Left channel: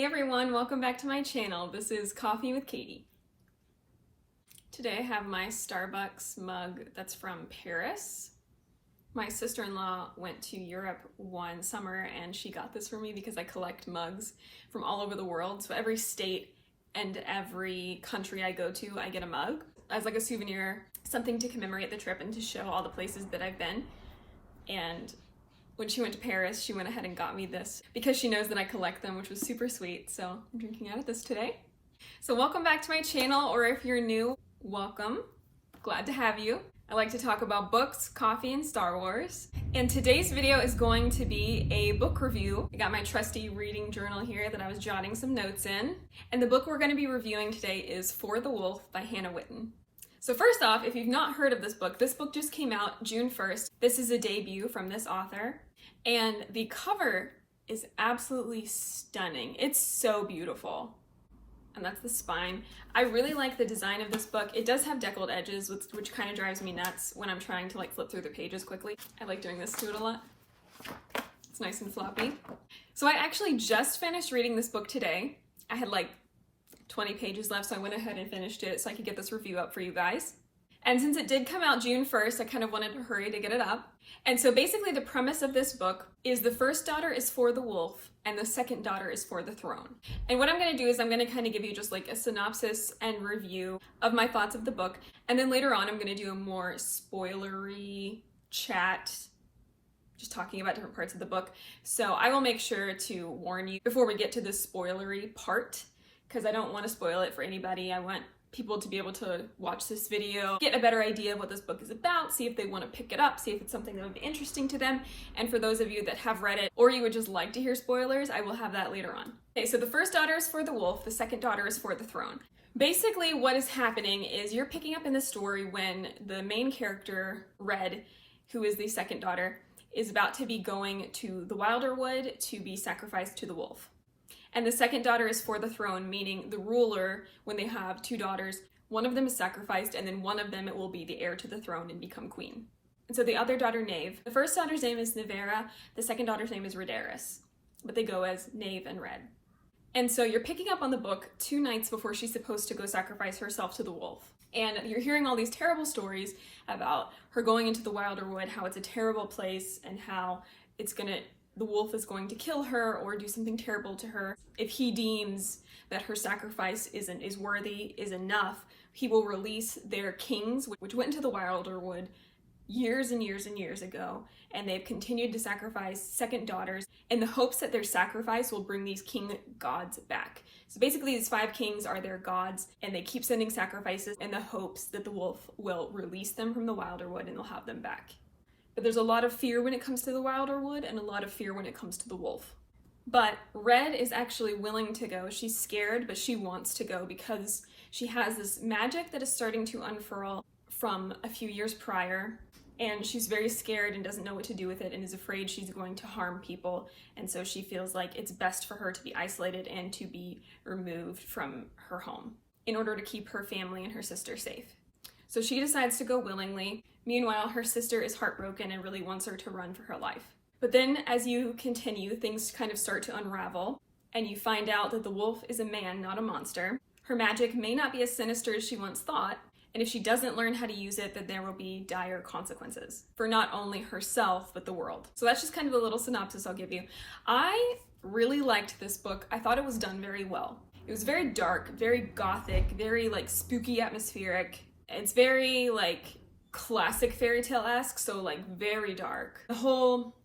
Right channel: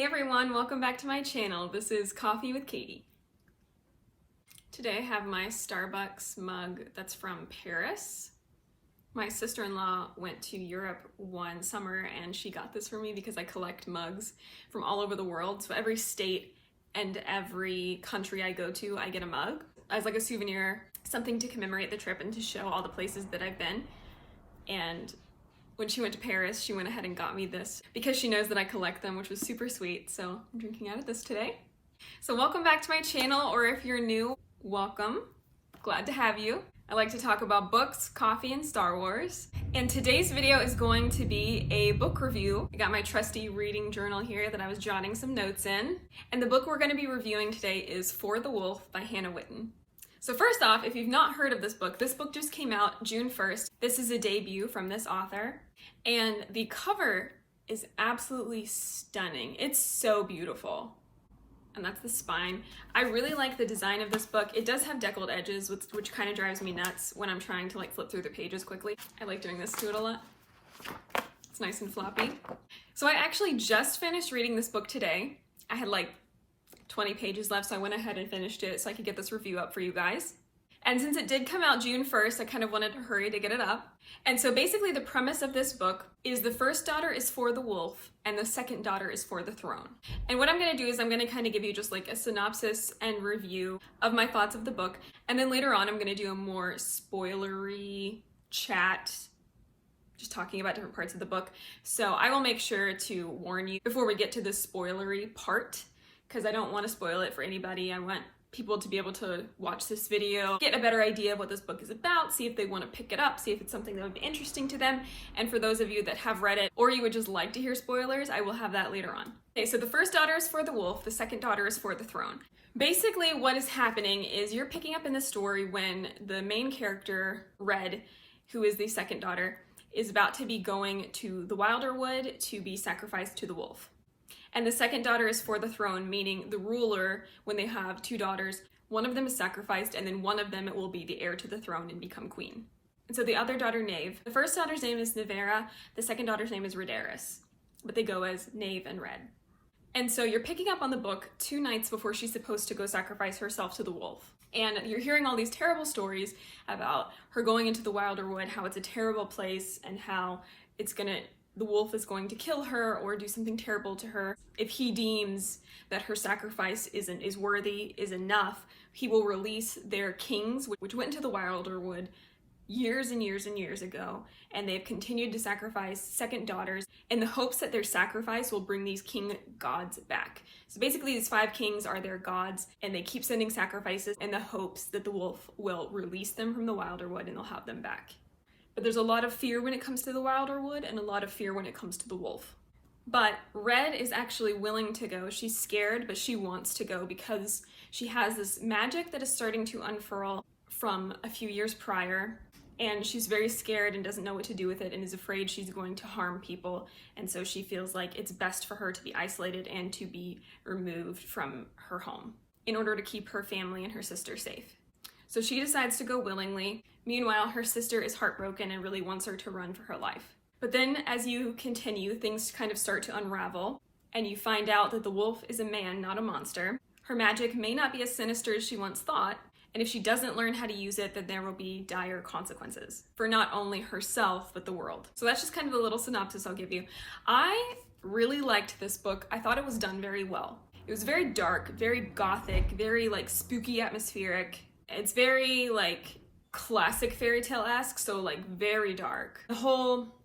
Hey everyone, welcome back to my channel. This is Coffee with Katie. Today I have my Starbucks mug that's from Paris. My sister-in-law went to Europe one summer and she got this for me because I collect mugs from all over the world. So every state and every country I go to, I get a mug as like a souvenir, something to commemorate the trip and to show all the places that I've been. And when she went to Paris, she went ahead and got me this because she knows that I collect them, which was super sweet. So I'm drinking out of this today. So welcome back to my channel, or if you're new, welcome. Glad to have you. I like to talk about books, coffee, and Star Wars. And today's video is going to be a book review. I got my trusty reading journal here that I was jotting some notes in. And the book we're going to be reviewing today is For the Wolf by Hannah Whitten. So first off, if you've not heard of this book just came out June 1st. This is a debut from this author. And the cover is absolutely stunning. It's so beautiful. And that's the spine. I really like the design of this book. It does have deckled edges, which kind of drives me nuts when I'm trying to like flip through the pages quickly. I like doing this to it a lot. It's nice and floppy. So I actually just finished reading this book today. I had like 20 pages left, so I went ahead and finished it so I could get this review up for you guys. And since it did come out June 1st, I kind of wanted to hurry to get it up. And so basically the premise of this book is the first daughter is for the wolf and the second daughter is for the throne. And what I'm going to do is I'm going to kind of give you just like a synopsis and review of my thoughts of the book. And then later on, I'm going to do a more spoilery chat, just talking about different parts of the book. So I will make sure to warn you before we get to the spoilery part, because I don't want to spoil it for anybody. I want people to be able to watch this video, get a better idea of what this book is about, see if they want to pick it up, see if it's something that would be interesting to them. And for those of you that have read it, or you would just like to hear spoilers, I will have that later on. Okay, so the first daughter is for the wolf, the second daughter is for the throne. Basically what is happening is you're picking up in the story when the main character, Red, who is the second daughter, is about to be going to the Wilder Wood to be sacrificed to the wolf. And the second daughter is for the throne, meaning the ruler, when they have two daughters, one of them is sacrificed and then one of them will be the heir to the throne and become queen. And so the other daughter, Nave, the first daughter's name is Nevera, the second daughter's name is Rhaedaris, but they go as Nave and Red. And so you're picking up on the book 2 nights before she's supposed to go sacrifice herself to the wolf. And you're hearing all these terrible stories about her going into the Wilder Wood, how it's a terrible place and how the wolf is going to kill her or do something terrible to her. If he deems that her sacrifice is enough, he will release their kings, which went into the Wilder Wood years and years and years ago, and they've continued to sacrifice second daughters in the hopes that their sacrifice will bring these king gods back. So basically these 5 kings are their gods, and they keep sending sacrifices in the hopes that the wolf will release them from the Wilder Wood and they'll have them back. But there's a lot of fear when it comes to the Wilder Wood and a lot of fear when it comes to the wolf. But Red is actually willing to go. She's scared, but she wants to go because she has this magic that is starting to unfurl from a few years prior. And she's very scared and doesn't know what to do with it and is afraid she's going to harm people. And so she feels like it's best for her to be isolated and to be removed from her home in order to keep her family and her sister safe. So she decides to go willingly. Meanwhile, her sister is heartbroken and really wants her to run for her life. But then as you continue, things kind of start to unravel, and you find out that the wolf is a man, not a monster. Her magic may not be as sinister as she once thought, and if she doesn't learn how to use it, then there will be dire consequences for not only herself, but the world. So that's just kind of a little synopsis I'll give you. I really liked this book. I thought it was done very well. It was very dark, very gothic, very like spooky atmospheric. It's very like classic fairy tale-esque, so like very dark. The whole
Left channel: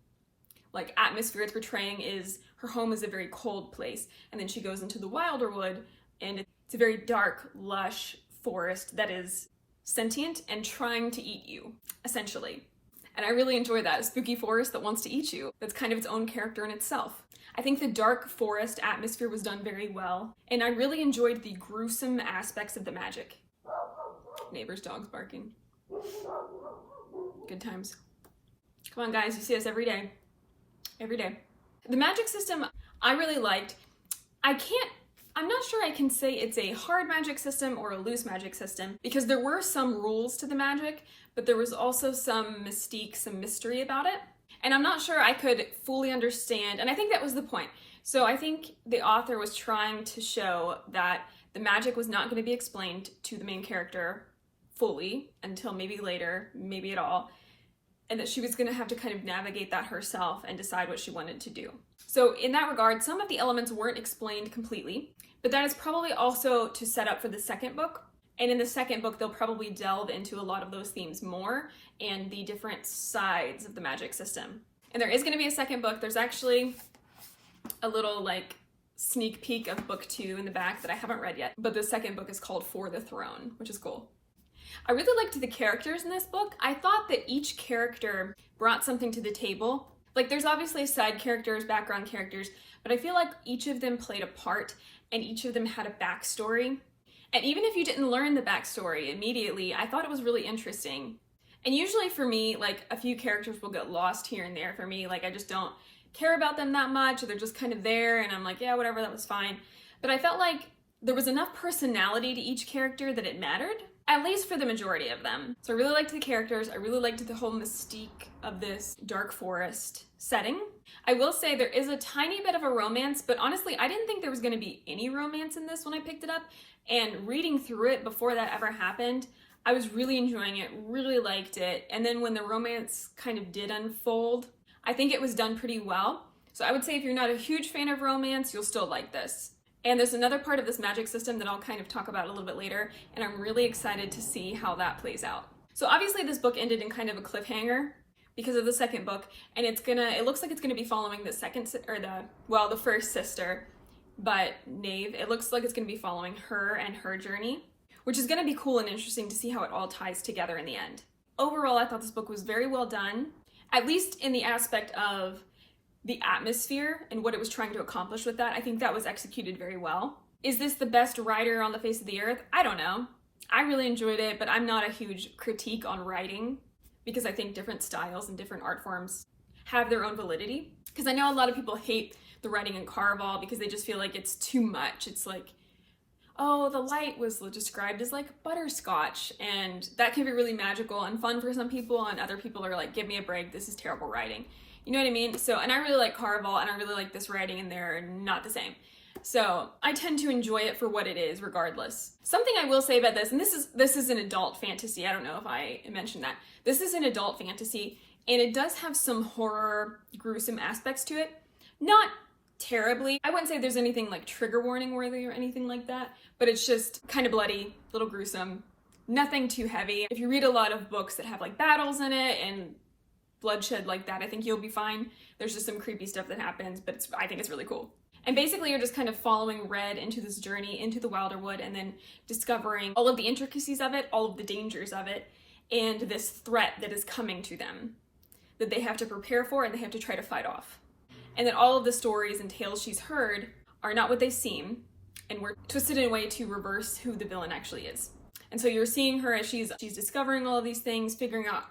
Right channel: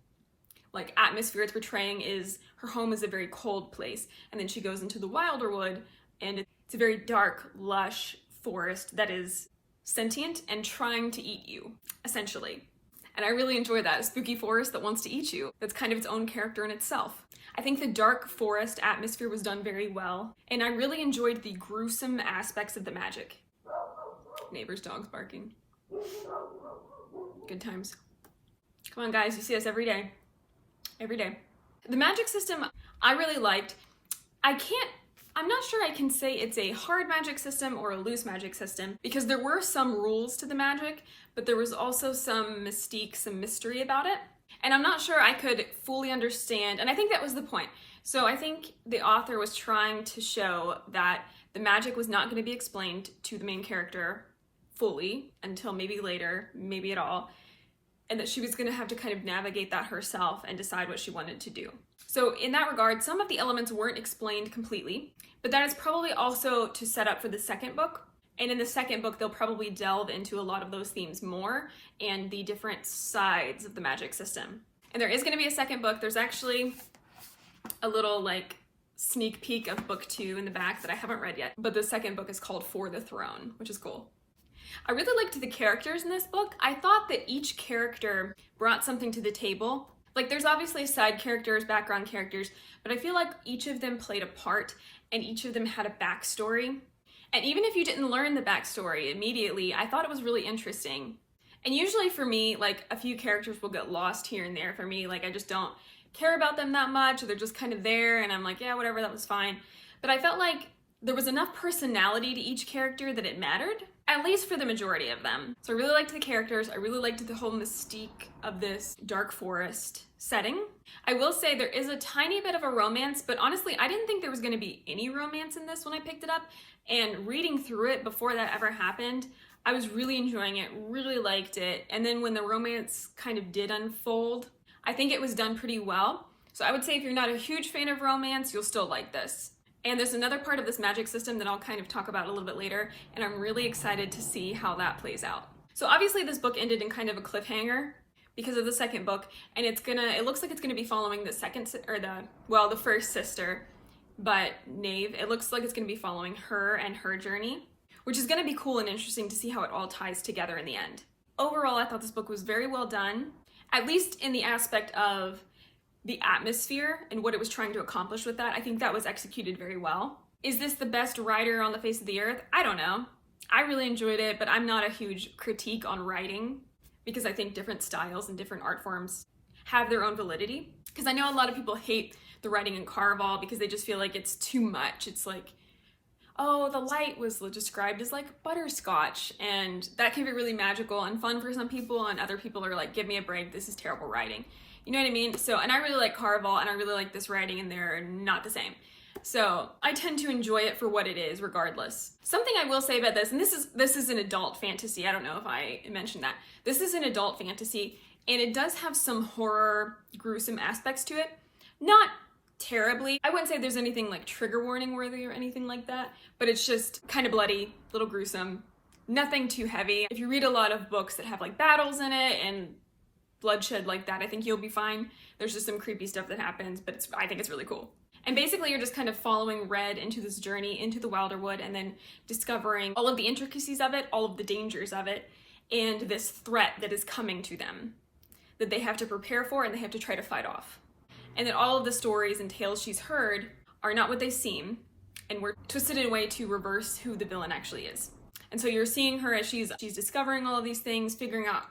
like atmosphere it's portraying is her home is a very cold place, and then she goes into the Wilder Wood and it's a very dark, lush forest that is sentient and trying to eat you, essentially. And I really enjoy that, a spooky forest that wants to eat you. That's kind of its own character in itself. I think the dark forest atmosphere was done very well, and I really enjoyed the gruesome aspects of the magic. Neighbor's dog's barking. Good times. Come on guys, you see us every day. Every day. The magic system I really liked. I'm not sure I can say it's a hard magic system or a loose magic system, because there were some rules to the magic, but there was also some mystique, some mystery about it. And I'm not sure I could fully understand, and I think that was the point. So I think the author was trying to show that the magic was not going to be explained to the main character fully until maybe later, maybe at all, and that she was going to have to kind of navigate that herself and decide what she wanted to do. So in that regard, some of the elements weren't explained completely, but that is probably also to set up for the second book. And in the second book, they'll probably delve into a lot of those themes more and the different sides of the magic system. And there is going to be a second book. There's actually a little like sneak peek of book 2 in the back that I haven't read yet, but the second book is called For the Throne, which is cool. I really liked the characters in this book. I thought that each character brought something to the table. Like, there's obviously side characters, background characters, but I feel like each of them played a part and each of them had a backstory. And even if you didn't learn the backstory immediately, I thought it was really interesting. And usually for me, like, a few characters will get lost here and there for me. Like, I just don't care about them that much, or they're just kind of there and I'm like, yeah, whatever, that was fine. But I felt like there was enough personality to each character that it mattered, at least for the majority of them. So I really liked the characters. I really liked the whole mystique of this dark forest setting. I will say there is a tiny bit of a romance, but honestly, I didn't think there was going to be any romance in this when I picked it up. And reading through it before that ever happened, I was really enjoying it, really liked it. And then when the romance kind of did unfold, I think it was done pretty well. So I would say if you're not a huge fan of romance, you'll still like this. And there's another part of this magic system that I'll kind of talk about a little bit later, and I'm really excited to see how that plays out. So obviously this book ended in kind of a cliffhanger because of the second book, and it looks like it's gonna be following the first sister, but Nave, it looks like it's gonna be following her and her journey, which is gonna be cool and interesting to see how it all ties together in the end. Overall, I thought this book was very well done, at least in the aspect of the atmosphere and what it was trying to accomplish with that. I think that was executed very well. Is this the best writer on the face of the earth? I don't know. I really enjoyed it, but I'm not a huge critique on writing because I think different styles and different art forms have their own validity. Because I know a lot of people hate the writing in Caraval because they just feel like it's too much. It's like, oh, the light was described as like butterscotch, and that can be really magical and fun for some people, and other people are like, give me a break, this is terrible writing. You know what I mean? So, and I really like Caraval, and I really like this writing, and they're not the same. So I tend to enjoy it for what it is, regardless. Something I will say about this, and this is an adult fantasy. I don't know if I mentioned that. This is an adult fantasy, and it does have some horror, gruesome aspects to it. Not terribly. I wouldn't say there's anything like trigger warning worthy or anything like that, but it's just kind of bloody, a little gruesome, nothing too heavy. If you read a lot of books that have like battles in it and bloodshed like that, I think you'll be fine. There's just some creepy stuff that happens, but I think it's really cool. And basically you're just kind of following Red into this journey into the Wilderwood and then discovering all of the intricacies of it, all of the dangers of it, and this threat that is coming to them that they have to prepare for and they have to try to fight off. And that all of the stories and tales she's heard are not what they seem, and were twisted in a way to reverse who the villain actually is. And so you're seeing her as she's discovering all of these things, figuring out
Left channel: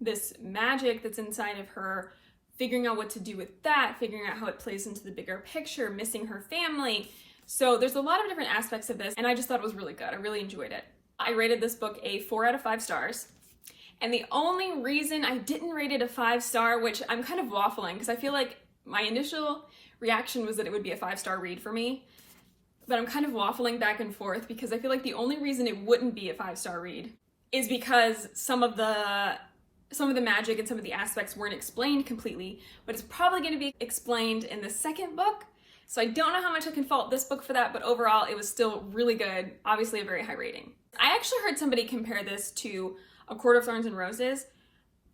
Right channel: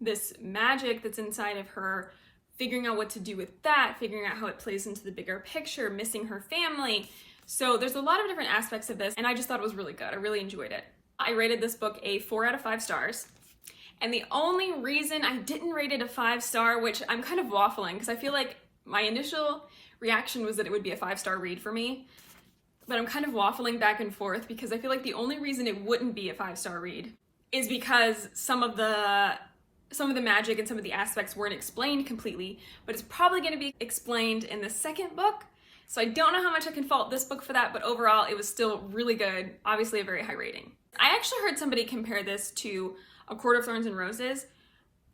this magic that's inside of her, figuring out what to do with that, figuring out how it plays into the bigger picture, missing her family. So there's a lot of different aspects of this, and I just thought it was really good. I really enjoyed it. I rated this book a 4 out of 5 stars. And the only reason I didn't rate it a 5-star, which I'm kind of waffling, because I feel like my initial reaction was that it would be a 5-star read for me, but I'm kind of waffling back and forth because I feel like the only reason it wouldn't be a 5-star read is because some of the magic and some of the aspects weren't explained completely, but it's probably going to be explained in the second book. So I don't know how much I can fault this book for that, but overall it was still really good, obviously a very high rating. I actually heard somebody compare this to A Court of Thorns and Roses.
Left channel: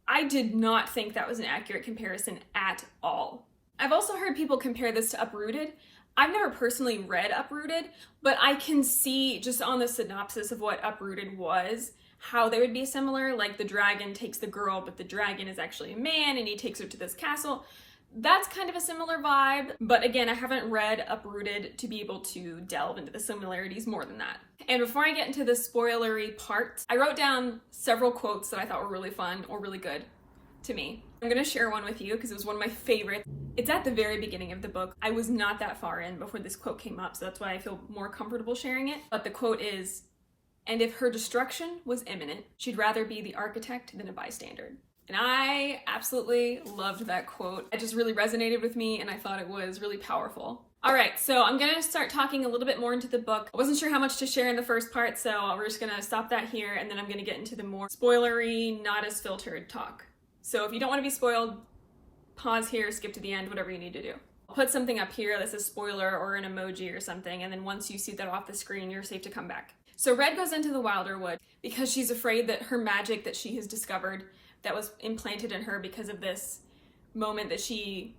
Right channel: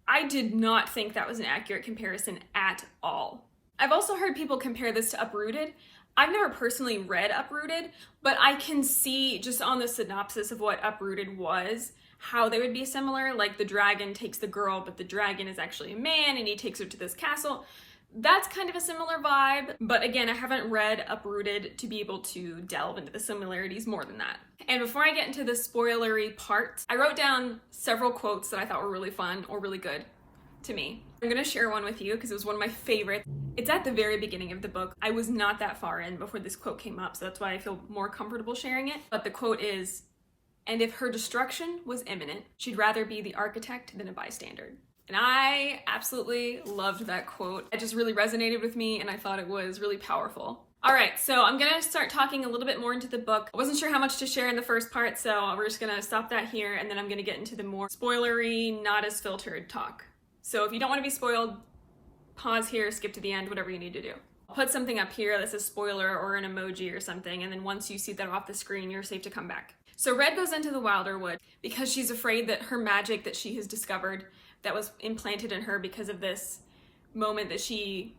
I did not think that was an accurate comparison at all. I've also heard people compare this to Uprooted. I've never personally read Uprooted, but I can see just on the synopsis of what Uprooted was, how they would be similar. Like the dragon takes the girl, but the dragon is actually a man and he takes her to this castle. That's kind of a similar vibe, but again, I haven't read Uprooted to be able to delve into the similarities more than that. And before I get into the spoilery part, I wrote down several quotes that I thought were really fun or really good to me. I'm gonna share one with you because it was one of my favorites. It's at the very beginning of the book. I was not that far in before this quote came up, so that's why I feel more comfortable sharing it. But the quote is, "And if her destruction was imminent, she'd rather be the architect than a bystander." And I absolutely loved that quote. It just really resonated with me and I thought it was really powerful. All right, so I'm gonna start talking a little bit more into the book. I wasn't sure how much to share in the first part, so we're just gonna stop that here, and then I'm gonna get into the more spoilery, not as filtered talk. So if you don't want to be spoiled, pause here, skip to the end, whatever you need to do. I'll put something up here that says spoiler or an emoji or something, and then once you see that off the screen, you're safe to come back. So Red goes into the Wilder Wood because she's afraid that her magic that she has discovered that was implanted in her because of this moment that she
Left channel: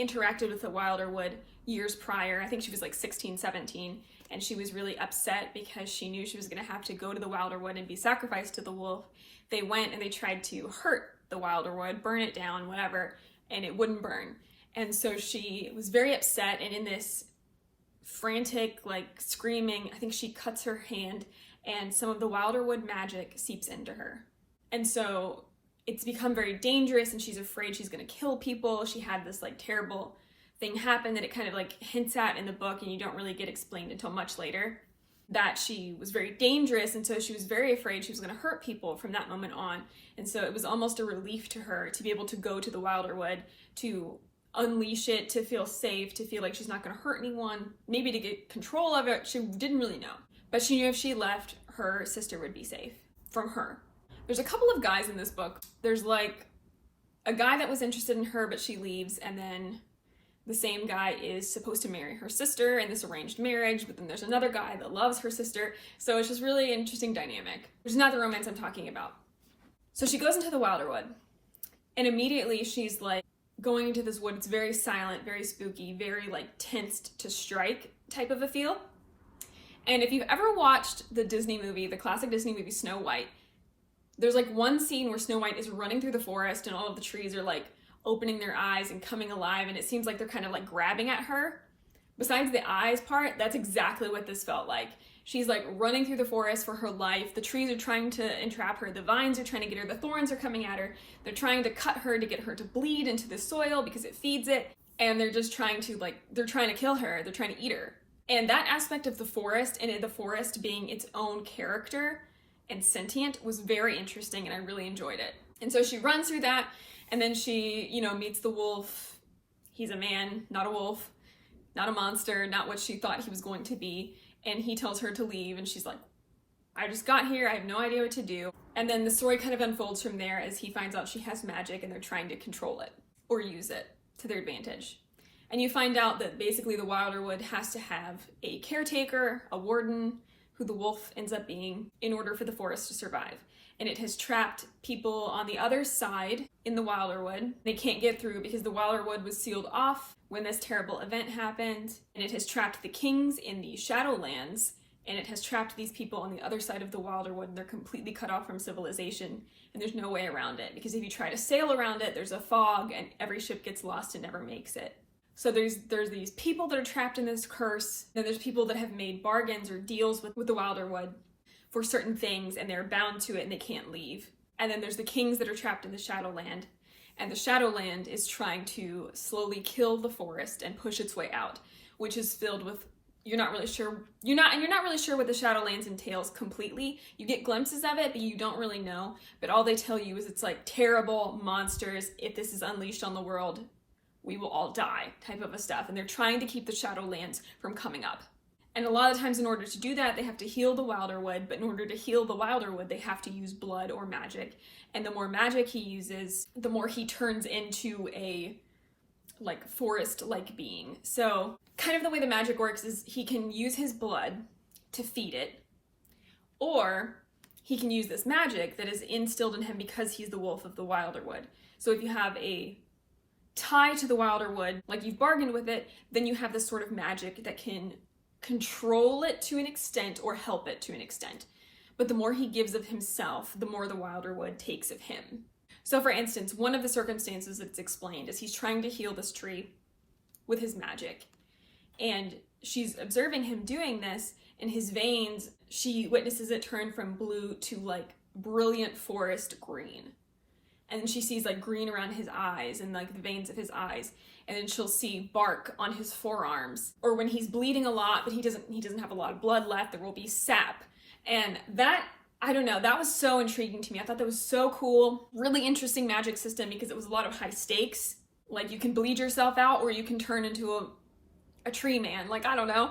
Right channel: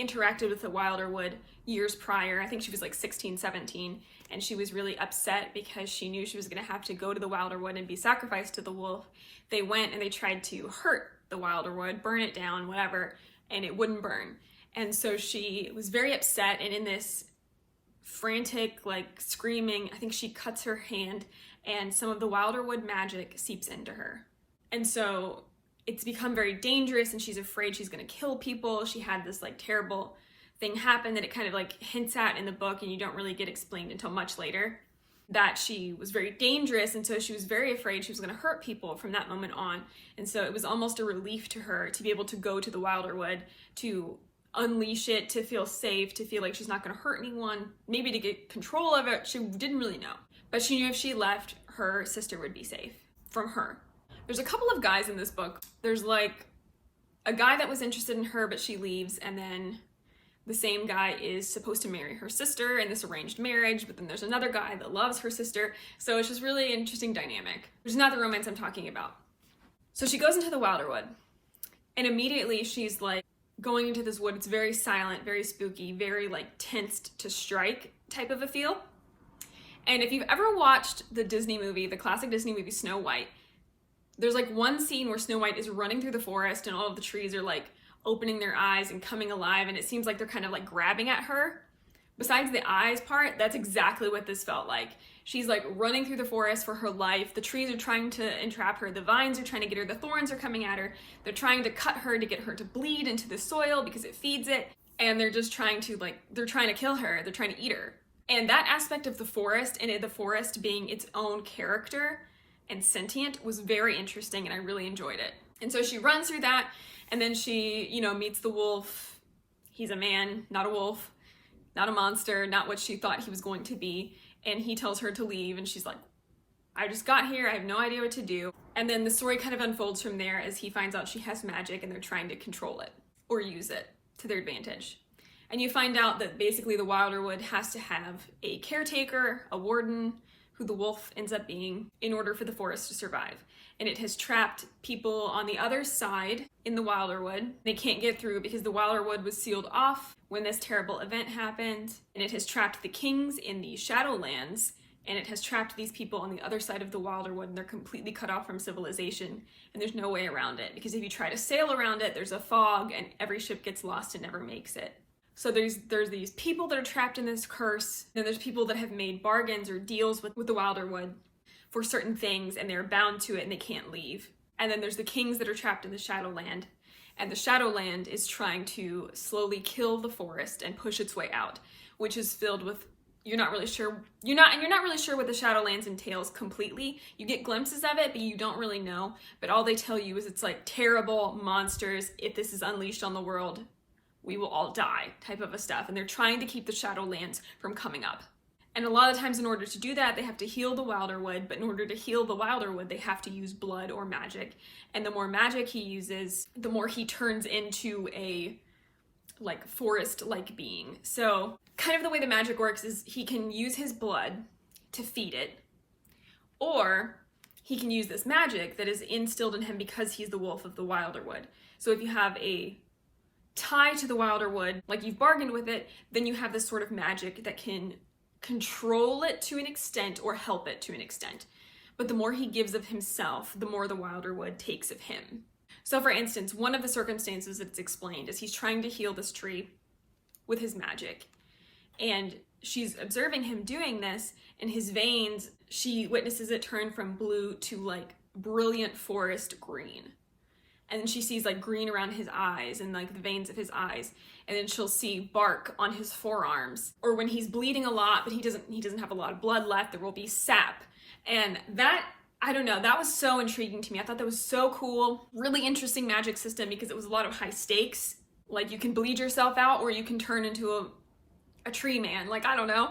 interacted with the Wilder Wood years prior. I think she was like 16, 17, and she was really upset because she knew she was going to have to go to the Wilder Wood and be sacrificed to the wolf. They went and they tried to hurt the Wilder Wood, burn it down, whatever, and it wouldn't burn. And so she was very upset, and in this frantic, like screaming, I think she cuts her hand, and some of the Wilder Wood magic seeps into her. And so it's become very dangerous, and she's afraid she's going to kill people. She had this like terrible thing happen that it kind of like hints at in the book, and you don't really get explained until much later, that she was very dangerous, and so she was very afraid she was going to hurt people from that moment on. And so it was almost a relief to her to be able to go to the Wilder Wood, to unleash it, to feel safe, to feel like she's not going to hurt anyone, maybe to get control of it. She didn't really know, but she knew if she left, her sister would be safe from her. There's a couple of guys in this book. There's like a guy that was interested in her, but she leaves, and then the same guy is supposed to marry her sister in this arranged marriage, but then there's another guy that loves her sister. So it's just really interesting dynamic, which is not the romance I'm talking about. So she goes into the Wilder Wood, and immediately she's like going into this wood. It's very silent, very spooky, very like tensed to strike type of a feel. And if you've ever watched the Disney movie, the classic Disney movie Snow White, there's like one scene where Snow White is running through the forest and all of the trees are like opening their eyes and coming alive, and it seems like they're kind of like grabbing at her. Besides the eyes part, that's exactly what this felt like. She's like running through the forest for her life. The trees are trying to entrap her. The vines are trying to get her. The thorns are coming at her. They're trying to cut her to get her to bleed into the soil because it feeds it. And they're just trying to they're trying to kill her. They're trying to eat her. And that aspect of the forest, and the forest being its own character and sentient, was very interesting, and I really enjoyed it. And so she runs through that, and then she, meets the wolf. He's a man, not a wolf, not a monster, not what she thought he was going to be. And he tells her to leave, and she's like, I just got here, I have no idea what to do. And then the story kind of unfolds from there as he finds out she has magic and they're trying to control it or use it to their advantage. And you find out that basically the Wilder Wood has to have a caretaker, a warden, who the wolf ends up being, in order for the forest to survive. And it has trapped people on the other side in the Wilder Wood. They can't get through because the Wilder Wood was sealed off when this terrible event happened, and it has trapped the kings in the Shadowlands, and it has trapped these people on the other side of the Wilder Wood, and they're completely cut off from civilization, and there's no way around it, because if you try to sail around it, there's a fog, and every ship gets lost and never makes it. So there's these people that are trapped in this curse, and there's people that have made bargains or deals with the Wilder Wood for certain things, and they're bound to it, and they can't leave. And then there's the kings that are trapped in the Shadowland, and the Shadowland is trying to slowly kill the forest and push its way out, which is filled with, you're not really sure what the Shadowlands entails completely. You get glimpses of it, but you don't really know. But all they tell you is it's like terrible monsters. If this is unleashed on the world, we will all die type of a stuff. And they're trying to keep the Shadowlands from coming up. And a lot of times in order to do that, they have to heal the Wilder Wood, but in order to heal the Wilder Wood, they have to use blood or magic. And the more magic he uses, the more he turns into a like forest-like being. So kind of the way the magic works is he can use his blood to feed it, or he can use this magic that is instilled in him because he's the wolf of the Wilder Wood. So if you have a tie to the Wilder Wood, like you've bargained with it, then you have this sort of magic that can control it to an extent or help it to an extent. But the more he gives of himself, the more the Wilder Wood takes of him. So for instance, one of the circumstances that's explained is he's trying to heal this tree with his magic. And she's observing him doing this, in his veins, she witnesses it turn from blue to like brilliant forest green. And then she sees like green around his eyes and like the veins of his eyes. And then she'll see bark on his forearms. Or when he's bleeding a lot, but he doesn't have a lot of blood left, there will be sap. And that, I don't know, that was so intriguing to me. I thought that was so cool. Really interesting magic system because it was a lot of high stakes. Like you can bleed yourself out or you can turn into a tree man, like, I don't know.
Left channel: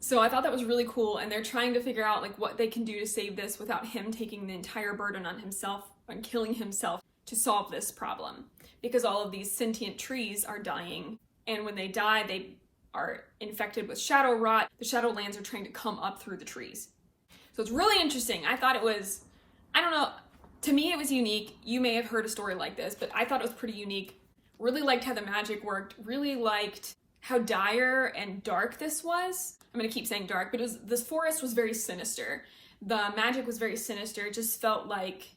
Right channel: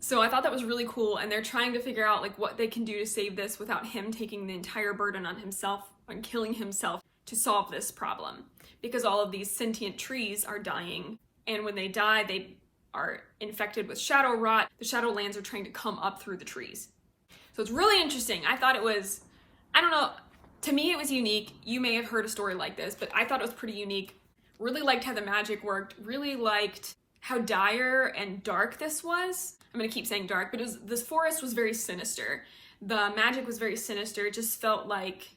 So I thought that was really cool, and they're trying to figure out like what they can do to save this without him taking the entire burden on himself, on killing himself to solve this problem. Because all of these sentient trees are dying, and when they die, they are infected with shadow rot. The Shadowlands are trying to come up through the trees. So it's really interesting. I thought it was, I don't know, to me it was unique. You may have heard a story like this, but I thought it was pretty unique. Really liked how the magic worked, really liked how dire and dark this was. I'm gonna keep saying dark, but this forest was very sinister. The magic was very sinister. It just felt like,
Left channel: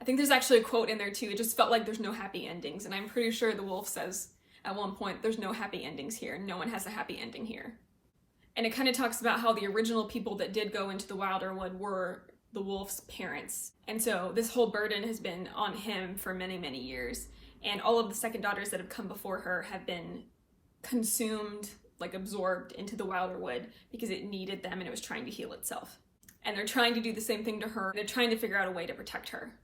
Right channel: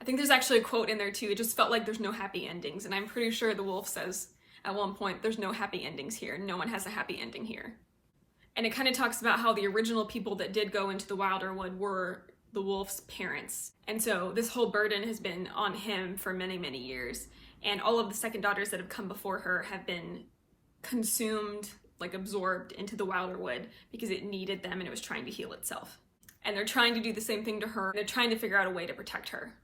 I think there's actually a quote in there too, it just felt like there's no happy endings. And I'm pretty sure the wolf says at one point, there's no happy endings here. No one has a happy ending here. And it kind of talks about how the original people that did go into the Wilderwood were the wolf's parents. And so this whole burden has been on him for many, many years. And all of the second daughters that have come before her have been consumed, like absorbed into the Wilderwood because it needed them and it was trying to heal itself. And they're trying to do the same thing to her. They're trying to figure out a way to protect her.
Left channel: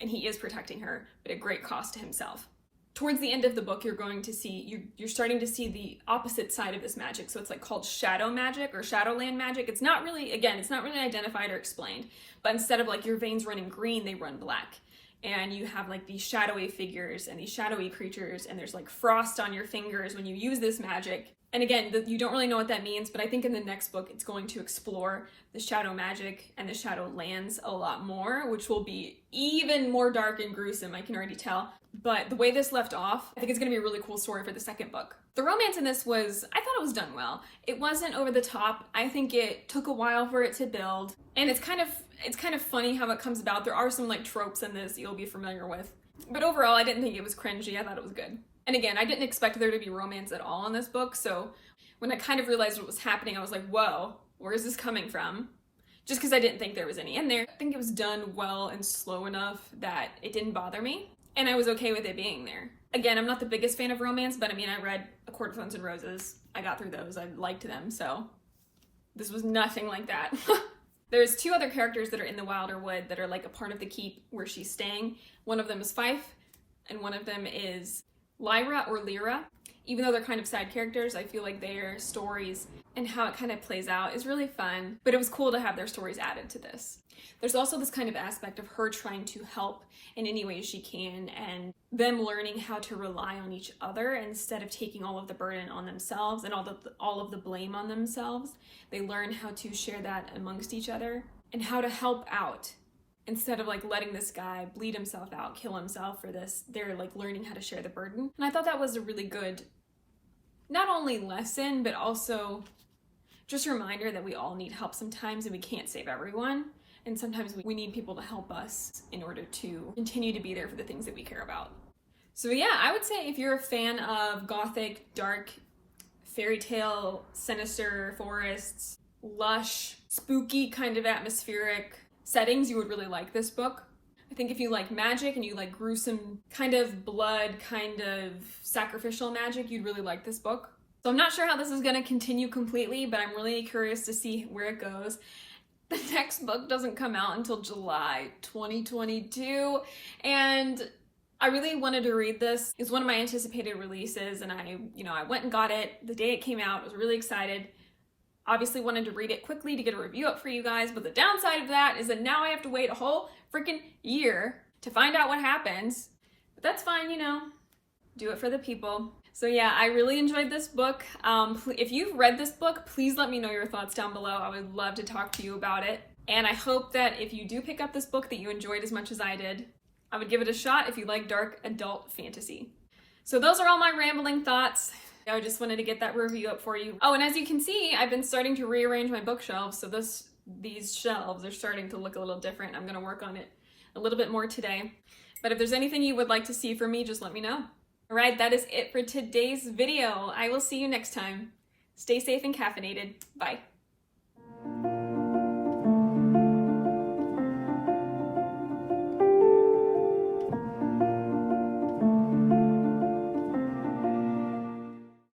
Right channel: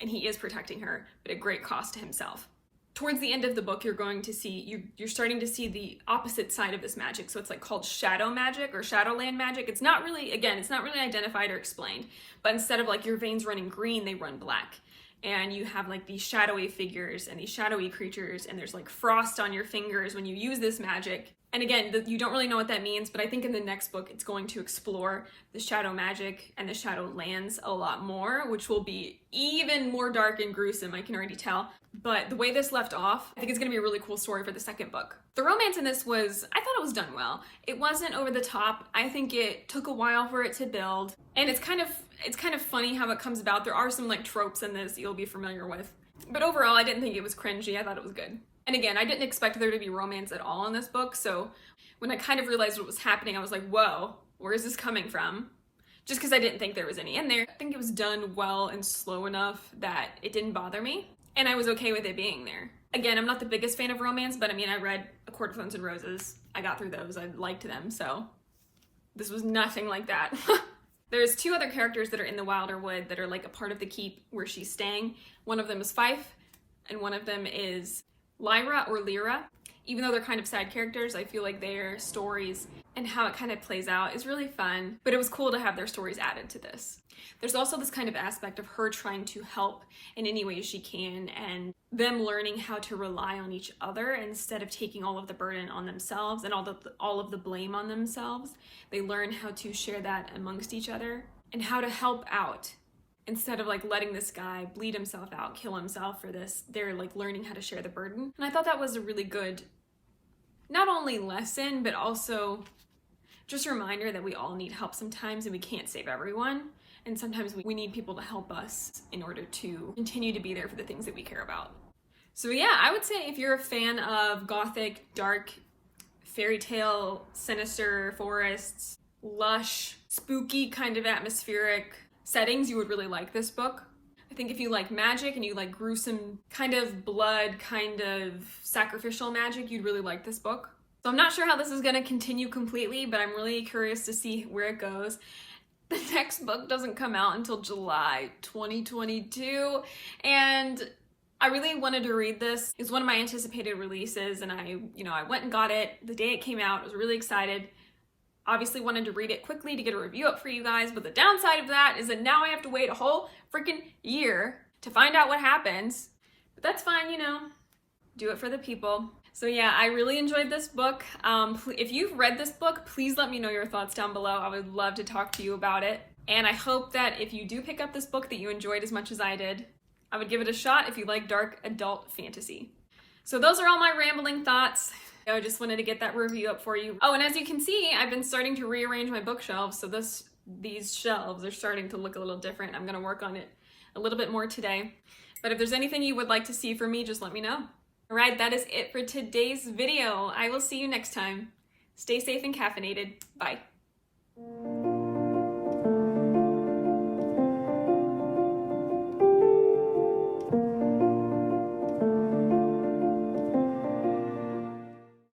And he is protecting her, but at great cost to himself. Towards the end of the book, you're going to see, you're starting to see the opposite side of this magic. So it's like called shadow magic or Shadowland magic. It's not really, again, it's not really identified or explained, but instead of like your veins running green, they run black. And you have like these shadowy figures and these shadowy creatures, and there's like frost on your fingers when you use this magic. And again, you don't really know what that means, but I think in the next book, it's going to explore the shadow magic and the Shadowlands a lot more, which will be even more dark and gruesome, I can already tell. But the way this left off, I think it's going to be a really cool story for the second book. The romance in this was, I thought it was done well. It wasn't over the top. I think it took a while for it to build. And it's kind of funny how it comes about. There are some like tropes in this you'll be familiar with. But overall, I didn't think it was cringy. I thought it was good. And again, I didn't expect there to be romance at all in this book. So when I kind of realized what was happening, I was like, whoa, where is this coming from? Just because I didn't think there was any in there. I think it was done well and slow enough that it didn't bother me. And I was okay with it being there. Again, I'm not the biggest fan of romance, but I mean, I read A Court of Thorns and Roses. I got through those. I liked them. So this was nothing like that. There's two other characters that are in the Wilderwood that are like a part of the keep where she's staying. One of them is Fife, and one of them is Lyra or Lyra. Even though they're kind of side characters, I feel like their stories and how it kind of plays out is really fun, but it was cool to have their stories added to this. There's also this kind of aspect of her trying to help in any way she can, and them learning how to rely on each other instead of taking all of the burden on themselves and all of the blame on themselves. They learn how to share that amongst each other and how to help out. Instead of like letting this guy bleed himself out, kill himself for this, they're like learning how to share the burden. And I thought that was a really good, not only lesson, but also just a reminder that we all need help sometimes and we can't save everyone. And sometimes we need people to help us in order to continue to be there for the things that we care about. So yeah, I would say if you're a fan of gothic, dark, fairy tale, sinister forests, lush, spooky kind of atmospheric settings, you would really like this book. I think if you like magic and you like gruesome kind of blood, kind of sacrificial magic, you'd really like this book. So I'm not sure how this is going to continue completely, but I'm really curious to see where it goes. The next book doesn't come out until July 2022, and I really wanted to read this. It's one of my anticipated releases, and I went and got it the day it came out. I was really excited. Obviously wanted to read it quickly to get a review up for you guys, but the downside of that is that now I have to wait a whole freaking year to find out what happens. But that's fine, do it for the people. So yeah, I really enjoyed this book. If you've read this book, please let me know your thoughts down below. I would love to talk to you about it. And I hope that if you do pick up this book that you enjoyed as much as I did. I would give it a shot if you like dark adult fantasy. So those are all my rambling thoughts. I just wanted to get that review up for you. Oh, and as you can see, I've been starting to rearrange my bookshelves, so these shelves are starting to look a little different. I'm gonna work on it a little bit more today. But if there's anything you would like to see from me, just let me know. All right, that is it for today's video. I will see you next time. Stay safe and caffeinated. Bye.